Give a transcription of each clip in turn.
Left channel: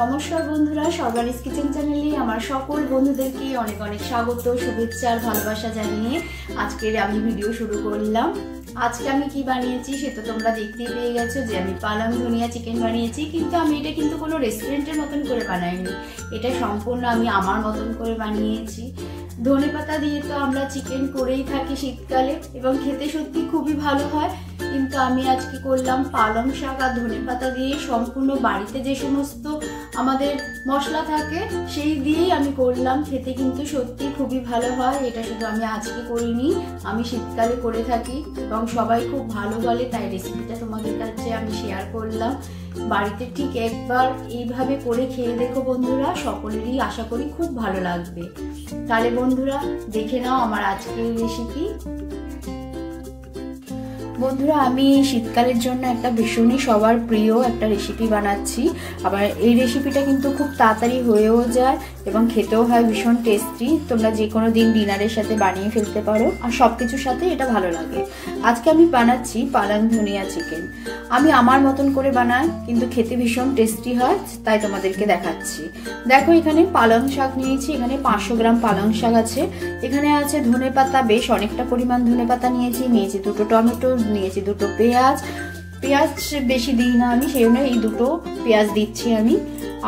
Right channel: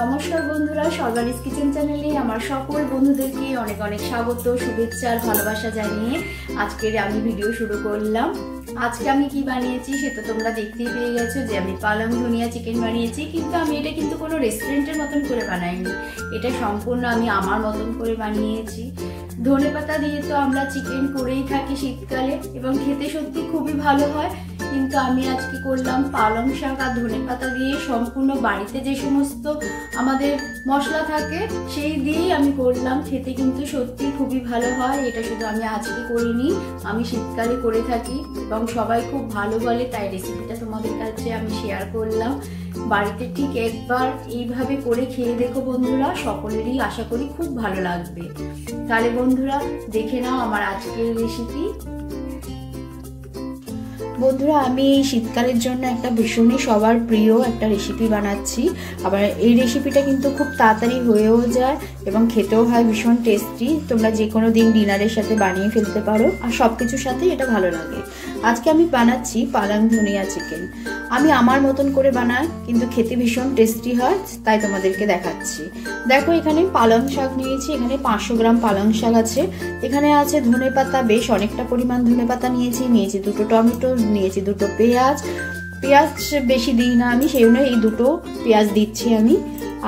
নমস্কার বন্ধুরা, সর্বানিস কিচেন চ্যানেলে আমার সকল বন্ধুদেরকে অনেক অনেক স্বাগত, শুভেচ্ছা আর ভালোবাসা জানিয়ে আজকের আমি ভিডিও শুরু করলাম। আজকে আমি কি বানিয়েছি সেটা তোমরা দেখতেই পেয়ে গেছো যে আমি পালং ধনিয়া চিকেন বানিয়েছি, কিন্তু আমি এটা কিন্তু কোনো রেস্টুরেন্টের মতন করে বানাইনি। এটা সম্পূর্ণ আমি আমার মতন করে বানিয়েছি। ধনেপাতা দিয়ে তো আমরা চিকেন করেই থাকি শীতকালে এবং খেতে সত্যি খুবই ভালো হয়, কিন্তু আমি আজকে করলাম পালং শাক আর ধনেপাতা দিয়ে। সম্পূর্ণ বাড়িতে যে সমস্ত আমাদের মশলা থাকে সেই দিয়েই আমি করলাম। খেতে কিন্তু সত্যি খুবই ভালো হয়। এটা শুধু আমি আজকে করিনি, আমি শীতকালে করে থাকি এবং সবাই খুব ভালো বলে, তাই রেসিপিটা তোমাদের কাছে আমি শেয়ার করলাম। বাড়িতে ঠিক একবার এইভাবে করে খেয়ে দেখো বন্ধুরা, সকলেরই আশা করি খুব ভালো লাগবে। তাহলে বন্ধুরা দেখে নাও আমার আজকের রেসিপি। বন্ধুরা আমি শীতকালের জন্য একটা ভীষণই সবার প্রিয় একটা রেসিপি বানাচ্ছি। আবার এই রেসিপিটা কিন্তু খুব তাড়াতাড়ি হয়েও যায় এবং খেতেও হয় ভীষণ টেস্টি। তোমরা যে কোনো দিন ডিনারের সাথে বানিয়ে ফেলতে পারো আর সবকিছুর সাথে এটা ভালো লাগে। আজকে আমি বানাচ্ছি পালং ধনিয়া চিকেন। আমি আমার মতন করে বানাই, কিন্তু খেতে ভীষণ টেস্টি হয়, তাই তোমাদেরকে দেখাচ্ছি। দেখো এখানে পালং শাক নিয়েছি, এখানে 500 গ্রাম পালং শাক আছে। এখানে আছে ধনেপাতা, বেশ অনেকটা পরিমাণ ধনেপাতা নিয়েছি। দুটো টমেটো, নিয়েছি দুটো পেঁয়াজ বেশি দিই না আমি, সেই জন্য এই দুটো পেঁয়াজ দিচ্ছি আমি।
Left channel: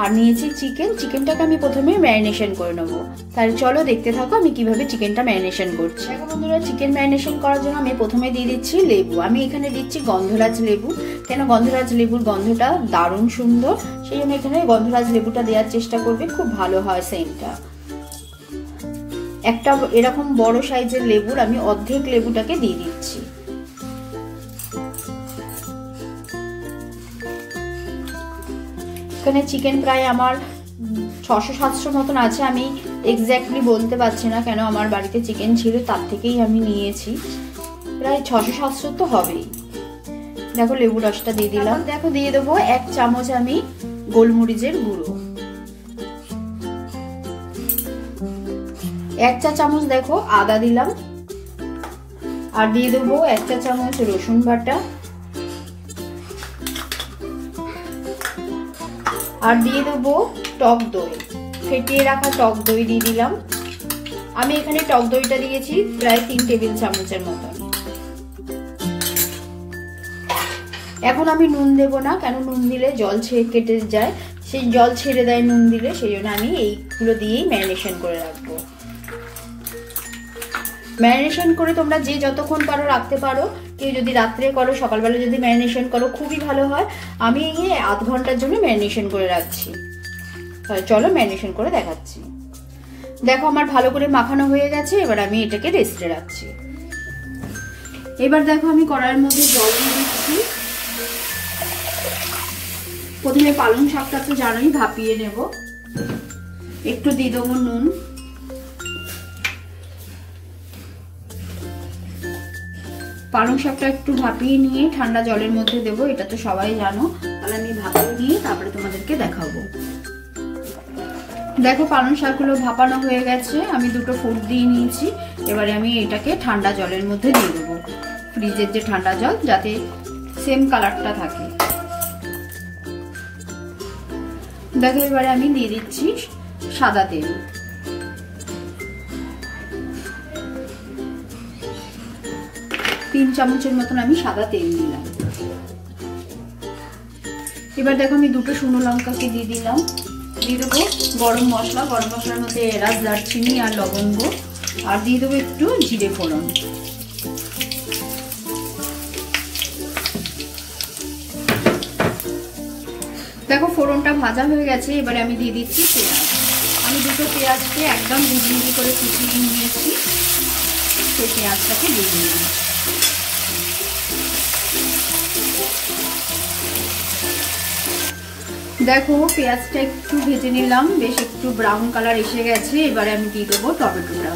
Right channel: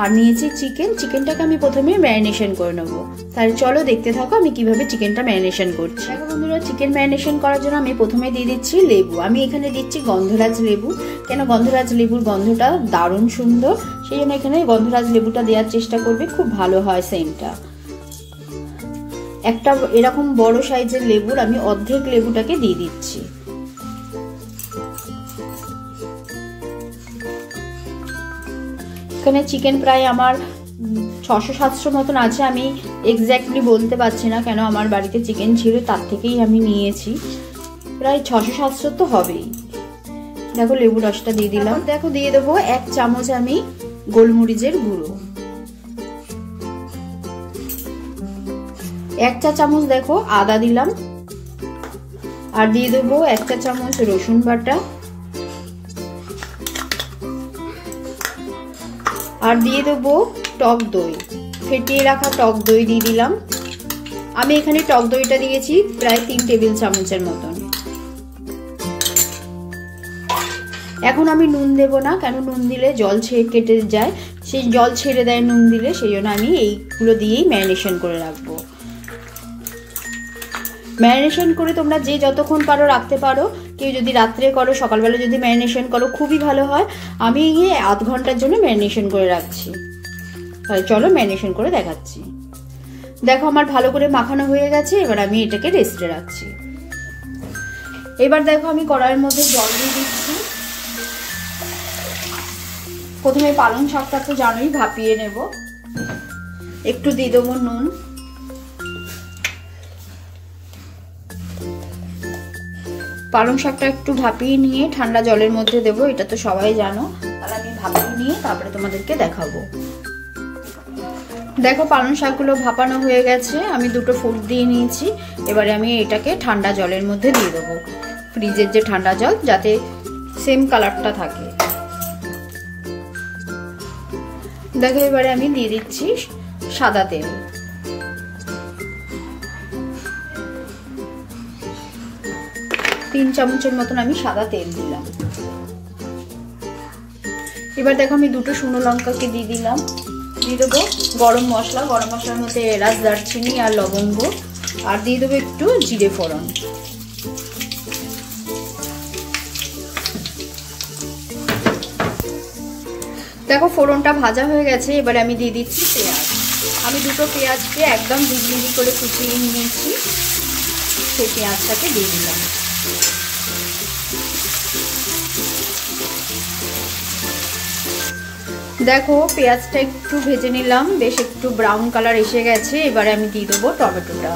আর নিয়েছি চিকেনটাকে আমি প্রথমে ম্যারিনেশন করে নেবো। তাহলে চলো দেখতে থাকো আমি কিভাবে চিকেনটা ম্যারিনেশন করছি। দেখো বন্ধুরা, চিকেন ম্যারিনেশন করার জন্য আমি প্রথমে দিয়ে দিচ্ছি লেবু। আমি এখানে দিচ্ছি গন্ধরাজ লেবু, কেন গন্ধরাজ লেবুর গন্ধটা দারুণ সুন্দর, সেই জন্য এখানে গন্ধরাজ লেবুটা দেওয়ার চেষ্টা করবে, খুব ভালো হয় সেন্টটা। একটা এরকম বড় সাইজের লেবুর আমি অর্ধেক লেবুটাকে দিয়ে দিচ্ছি। এখানে চিকেন প্রায় আমার 600-700 মতন আছে, আমি এক্স্যাক্টলি বলতে পারছি না, কেন আমার বাড়িতে চিকেন ছিল তার থেকেই আমি নিয়েছি। প্রায় 600-700 তো হবেই। দেখো লেবু রসটা দিয়ে দিলাম। দেখো দিয়ে দেবো 1 চামচ আমি গোলমরিচের গুঁড়ো, 1 চা চামচ দেখো আদা দিলাম, আর দিয়ে দেবো 1 চা চামচ রসুন বাটা, আর দিয়ে দেবো টক দই, ফেটিয়ে রাখা টক দই দিয়ে দিলাম। আমি এখানে টক দইটা দিয়েছি প্রায় 3 টেবিল চামচের মতন। এখন আমি নুন দেব না, কেন নুন দিলে জল কেটে যায়, সেই জল ছেড়ে দেয় নুন দিলে, সেই জন্য আমি এইগুলো দিয়েই ম্যারিনেশন করে রাখবো। ম্যারিনেশন করে তোমরা যে যতক্ষণ পারো রাখতে পারো, কেউ যদি রাত্রে করো সকালবেলা যদি ম্যারিনেশন করো খুবই ভালো হয়। আমি আধ ঘন্টার জন্য ম্যারিনেশন করে রাখছি। তাহলে চলো ম্যারিনেশন করে দেখাচ্ছি। দেখো আমার ভালো করে মাখানো হয়ে গেছে, এবার আমি এটাকে রেস্টে রাখছি। এবার দেখো আমি কড়াইয়ের মধ্যে জল দিয়ে দিচ্ছি। প্রথমে পালং শাকটা তো জানোই ভাপিয়ে নেব, একটু দিয়ে দেবো নুন, পালং শাকটা একটু ভাপিয়ে নিয়ে ঠান্ডা জলের মধ্যে দেবো, এটা তো সবাই জানো। তাহলে আমি ভাপিয়ে নিয়ে তারপরে তোমাদেরকে দেখাবো। দেখো পালং শাকগুলো ভাপানো হয়ে গেছে, আমি দুটো ফুট দিয়ে নিয়েছি। এবারে আমি এটাকে ঠান্ডা জলের মধ্যে দিয়ে দেবো, ফ্রিজের যে ঠান্ডা জল, যাতে সেম কালারটা থাকে। দেখো এবারে আমি দিয়ে দিচ্ছি সাদা তেল, 3 চামচের মতন আমি সাদা তেল দিলাম। এবার দেখো আমি দুটো শুকনো লঙ্কাকে দিয়ে দিলাম। দিয়ে দেবো গরম মশলার মধ্যে এলাচ, দারচিনি আর লবঙ্গ, আর দিয়ে দেবো একটু জিরে ফোড়ন। দেখো ফোড়নটা ভাজা হয়ে গেছে, এবারে আমি দিয়ে দিচ্ছি পেঁয়াজ। আমি দুটো পেঁয়াজকে একদম মিহি করে কুচিয়ে নিয়েছি, সেই পেঁয়াজটাকে দিয়ে দিলাম। দেখো পেঁয়াজটা একটু ভেজে নিলাম, বেশ একটু ব্রাউন কালার এসে গেছে। এবারে আমি দিয়ে দেবো টমেটোটা।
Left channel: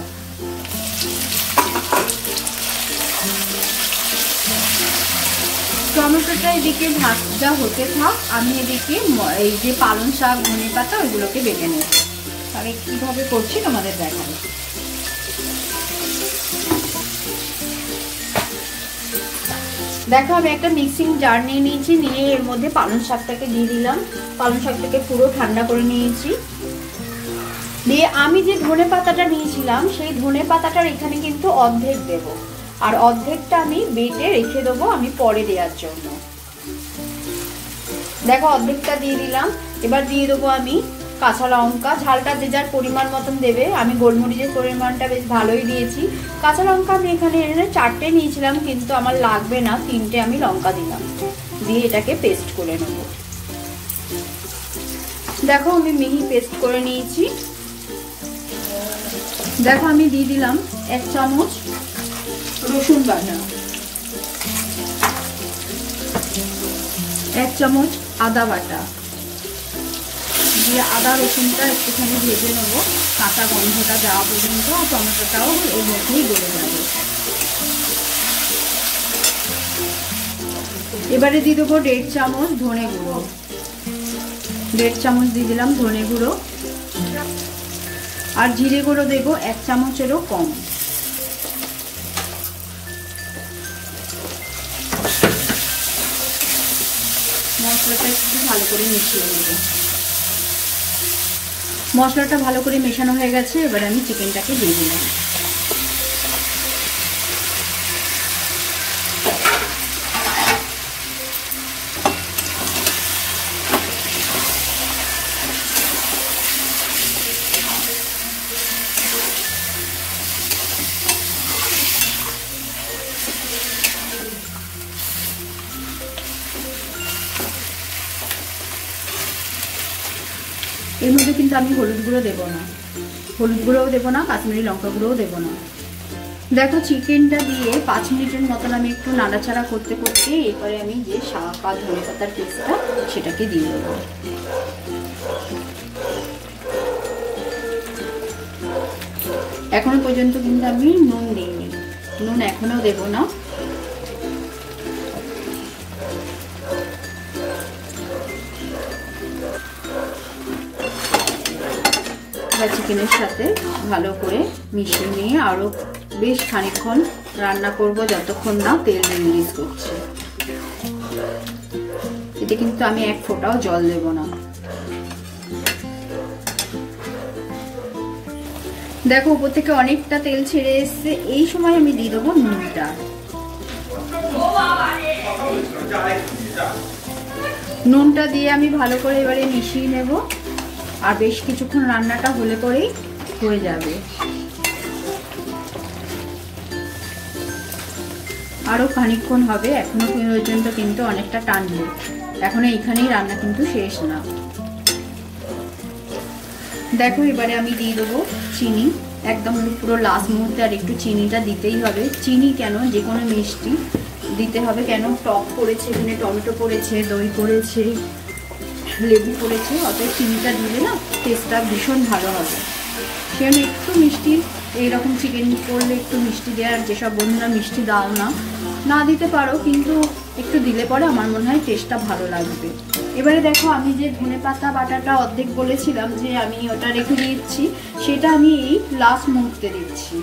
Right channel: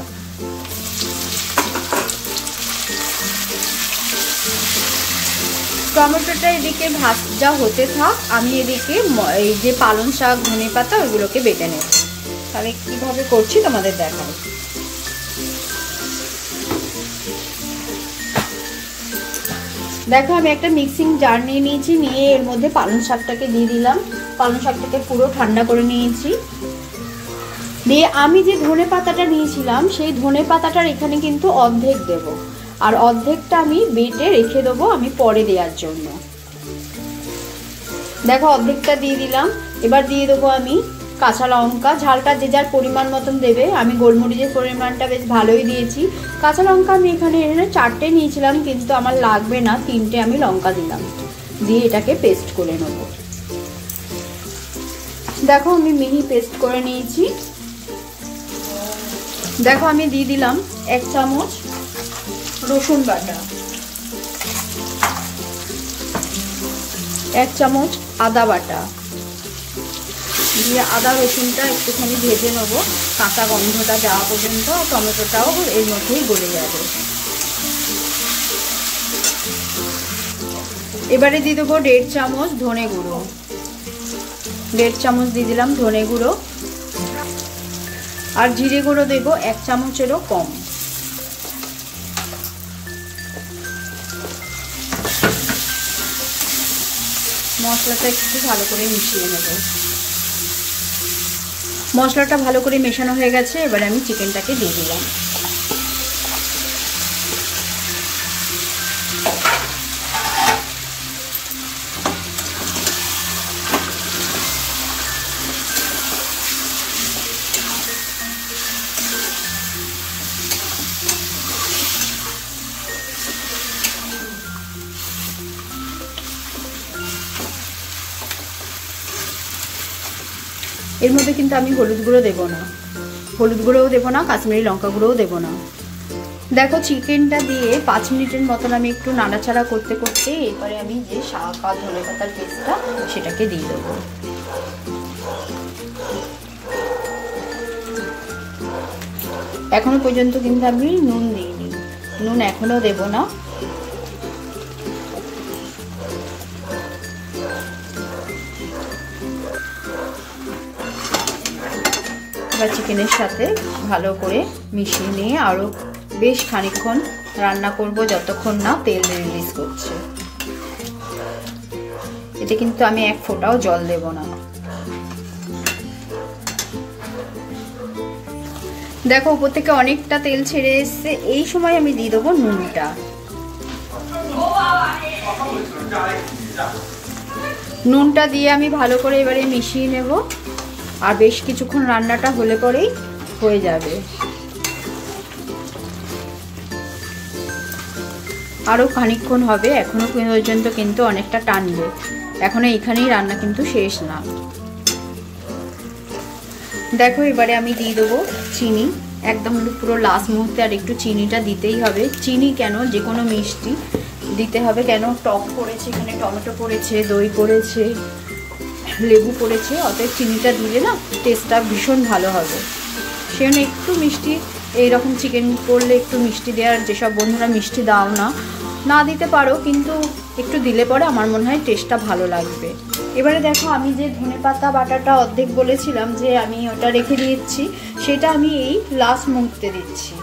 টমেটোটা এদিকে ভাজা হতে থাক, আমি এদিকে এই যে পালং শাক ধনেপাতা ওইগুলোকে বেটে নেব। তাহলে কিভাবে করছি তোমাদের দেখাই। দেখো আমি একটা মিক্সিং জার নিয়ে নিয়েছি, নিয়ে এর মধ্যে পালং শাকটাকে দিয়ে দিলাম। পালং শাকটাকে পুরো ঠান্ডা করে নিয়েছি। দিয়ে আমি যে ধনে পাতাটা নিয়েছিলাম সেই ধনে পাতাটার এখানে কিন্তু অর্ধেক দেব, আর অর্ধেকটা আমি বেটে রেখে দেবো আমি পরে দেওয়ার জন্য। দেখো অর্ধেকটা দিয়ে দিলাম। এবার দিয়ে দেবো আমি কাঁচা লঙ্কা, ঝালটা যে যার পরিমাণ মতন দেবে। আমি গোলমরিচের পরিমাণটা বেশ ভালোই দিয়েছি। কাঁচা লঙ্কা আমি এখানে 4টে নিয়েছিলাম, কিন্তু আমার লাগবে না, 3টে আমি লঙ্কা দিলাম। দিয়ে এটাকে পেস্ট করে নেব। দেখো আমি মিহি পেস্ট করে নিয়েছি। দেখো আমি দিয়ে দিলাম 1 চামচ রসুন বাটা, 1 চামচ আদা বাটা দিয়ে আদা রসুনটা একটুখানি ভেজে নেবো, কাঁচা গন্ধটা যাওয়া পর্যন্ত। টমেটোটাও এর মধ্যেই গলে যাবে। এবারে দিয়ে দেবো 1.5 চামচ ধনে গুঁড়ো, 1.5 চামচ দিয়ে দিলাম ধনে গুঁড়ো। আর জিরে গুঁড়ো দেবো 1 চামচেরও কম। মশলাটা একটু ভালো করে মিশিয়ে নেব। মশলাটা ভালো করে মেশানো হয়ে গেছে। এবার আমি চিকেনটাকে দিয়ে দিলাম। এর মধ্যে কিন্তু আমি হলুদ গুঁড়ো দেবো না, হলুদ গুঁড়োও দেবো না, কাশ্মীরি লঙ্কা গুঁড়োও দেবো না। দেখো চিকেনটা দিয়ে 5 মিনিটের মতন আমি একটু নাড়াচাড়া করতে করতে এরপরে আমি যে শাক আর ধনে পাতার পেস্টটা সেটাকে দিয়ে দেবো। এখনো পর্যন্ত কিন্তু আমি নুন দিইনি, নুন এখনো দেবো না। চিকেনের সাথে ভালো করে মিশিয়ে নিয়ে আরো বেশ খানিকক্ষণ রান্না করব, যতক্ষণ না তেল রিলিজ করছে। এতে কিন্তু আমি 1 ফোঁটাও জল দেব না। দেখো উপর থেকে অনেকটা তেল ছেড়ে এসছে। এই সময় আমি দিয়ে দেবো নুনটা। নুনটা দিয়ে আমি ভালো করে এবারে মিশিয়ে নেব। আর বেশ কিছুক্ষণ রান্নাটা হলে পরেই হয়ে যাবে। আরো খানিকক্ষণ হবে, এখনো পর্যন্ত কিন্তু অনেকটা টানবে। এখনো এখানেই রান্না কিন্তু শেষ না। দেখো এবারে আমি দিয়ে দেবো চিনি, একদম পুরো লাস্ট মুহূর্তে। আর একটু চিনিটা দিতেই হবে। চিনি কেন, যে কোনো মিষ্টি দিতে হবে। কেন, টক পড়েছে, এখানে টমেটো পড়েছে, দই পড়েছে, লেবু পড়েছে, অতএব চিনিটা দিলে না টেস্টটা ভীষণ ভালো হবে। সেজন্য একটু মিষ্টি, এইরকম চিকেন করলে একটু মিষ্টি দেওয়ার, যেসব বন্ধুরা মিষ্টি দাও না দিতে পারো, কিন্তু একটু দিলে পরে আমার মনে হয় টেস্টটা ভালো লাগবে। এবারে দেখো আমি যে ধনেপাতা বাটাটা অর্ধেক বলেছিলাম যে আমি ওটা রেখে দিচ্ছি, সেটা আমি এই লাস্ট মুহূর্তে দিচ্ছি।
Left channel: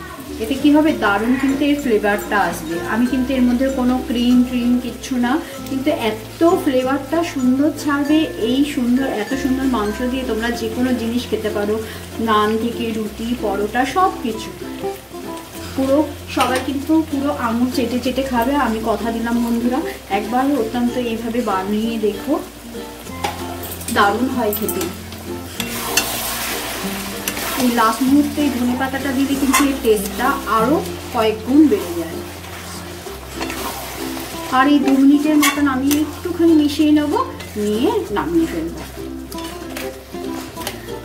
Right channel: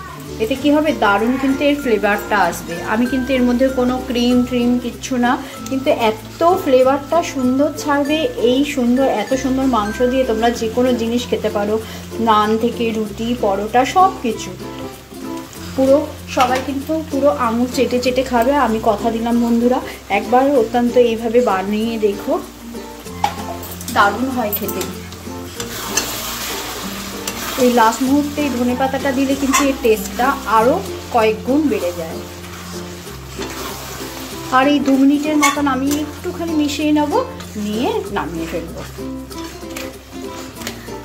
এতে কি হবে, দারুণ কিন্তু এর ফ্লেভারটা আসবে। আমি কিন্তু এর মধ্যে কোনো ক্রিম কিচ্ছু না, কিন্তু এত ফ্লেভারটা সুন্দর ছাড়বে। এই সুন্দর, এত সুন্দর মাংস দিয়ে তোমরা যে কোনো জিনিস খেতে পারো, নান থেকে রুটি, পরোটা, সব কিছু। পুরো সবাই কিন্তু পুরো আঙুল চেটে চেটে খাবে। আমি কথা দিলাম বন্ধুরা, একবার অত্যন্ত এইভাবে বানিয়ে দেখো, দারুণ হয় খেতে। এই লাস্ট মুহূর্তে ধনে পাতাটা দিলে কিন্তু এর টেস্টটা আরো কয়েক গুণ বেড়ে যায়। আর এই 2 মিনিটের মতন আমি একটুখানি মিশিয়ে নেব, নিয়ে নামিয়ে ফেলবো।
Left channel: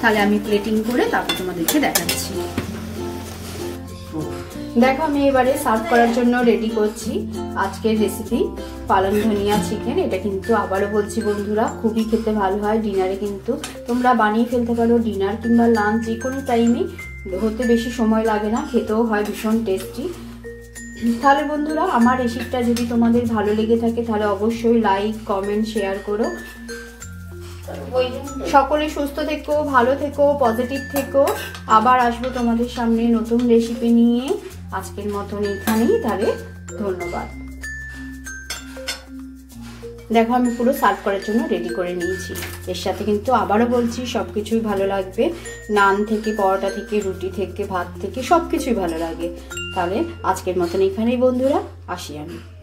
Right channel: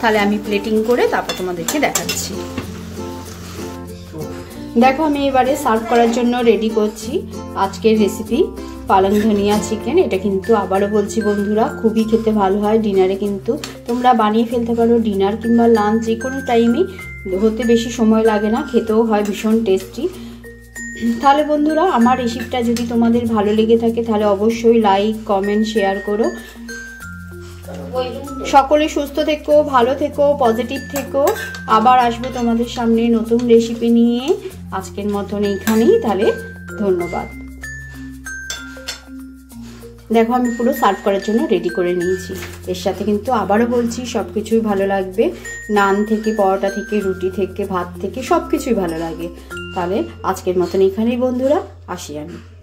তাহলে আমি প্লেটিং করে তারপর তোমাদেরকে দেখাচ্ছি। দেখো আমি এবারে সার্ভ করার জন্য রেডি করছি আজকের রেসিপি পালং ধনিয়া চিকেন। এটা কিন্তু আবারও বলছি বন্ধুরা, খুবই খেতে ভালো হয়। ডিনারে কিন্তু তোমরা বানিয়ে ফেলতে পারো, ডিনার কিংবা লাঞ্চ যে কোনো টাইমে, হতে বেশি সময় লাগে না, খেতেও হয় ভীষণ টেস্টি। তাহলে বন্ধুরা আমার রেসিপিটা যদি তোমাদের ভালো লেগে থাকে তাহলে অবশ্যই লাইক, কমেন্ট, শেয়ার করো। সকলে সুস্থ থেকো, ভালো থেকো, পজিটিভ থেকো। আবার আসবো তোমাদের সামনে নতুন রেসিপি নিয়ে। আজকের মতন এইখানেই, তাহলে ধন্যবাদ। দেখো আমি পুরো সার্ভ করার জন্য রেডি করে নিয়েছি। এর সাথে কিন্তু আবারও বলছি সবকিছুই ভালো লাগবে, নান থেকে, পরোটা থেকে, রুটি থেকে, ভাত থেকে সবকিছুই ভালো লাগে। তাহলে আজকের মতন এখানেই বন্ধুরা, আসি আমি।